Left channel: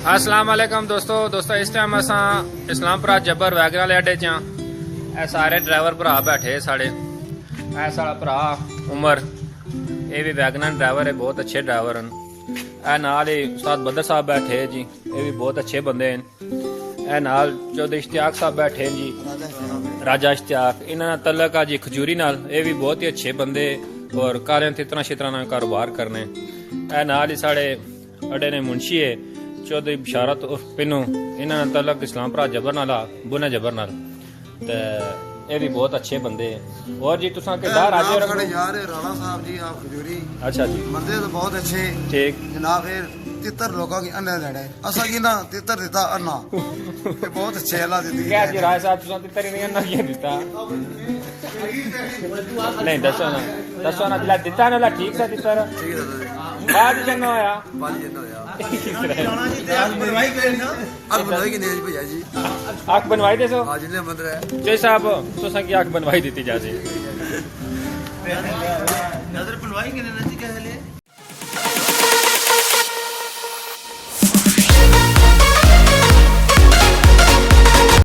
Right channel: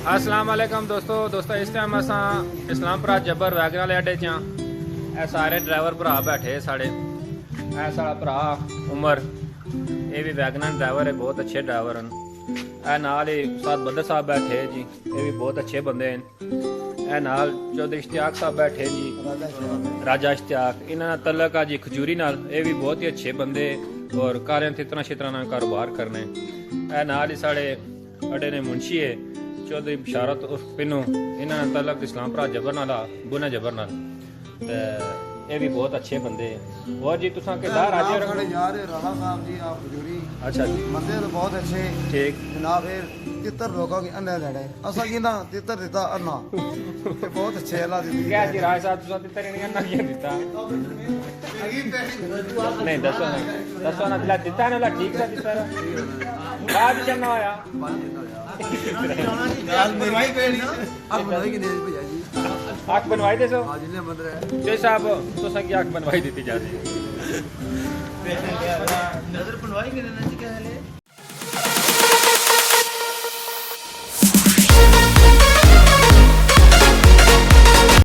अस्सलाम वालेकुम दोस्तों इस टाइम असा इस्लामपुरा जब्बर वैगन वाले अड्डे च हाँ। सारे ड्राइवर भरा बैठे साढ़े। साढ़ा भरा उमर, ये भी वैगन ड्राइवर है, बहुत अच्छे ड्राइवर हैं। नाल ही उस्ताद बदर साहब बैठे हैं जी, ये भी बहुत अच्छे बंदे हैं। नाल चौधरी इश्तियाक साहब बैठे हैं जी, राजा इश्तियाक। इन्होंने तलक आ जी खजूरी नाल, ये भी बहुत ही अच्छे बंदे और कारें तितरा शितरा नाल कारोबार करने। नाल ही साढ़े अड्डे ने मुंशी है चौधरी बशारत उर्फ पिनू, इन्होंने तलक इस्लामपुरा जबर नाल बुना जबर नाल। ये भी बहुत अच्छे बंदे हैं। और जी तुसा किरदार आ जाओ साढ़े यार राणा साहब जी आप खजूरी। अच्छा जी, बंदे तो बहुत अच्छे ठीक जनाब। फिर तितर लोगों की अन्ने लड़े असा की ना तितर दिता अन्ना ये बहुत अच्छे अल्लाह दी क्या जी राय साहब तुसा तितर नहीं अन्ना किया दिता नहीं दसो ना दिला दिता ना ठीक सा तितर ठीक है आज जन्ना आया पांच दिन होया किस तरह अब बनवाई की नेज भैया जी आंख बनवाई दे सो आज ने मंदिर है जय साहब तुसा की आंख बनवाई दी जासी नजर बनवाई की नेज क्या है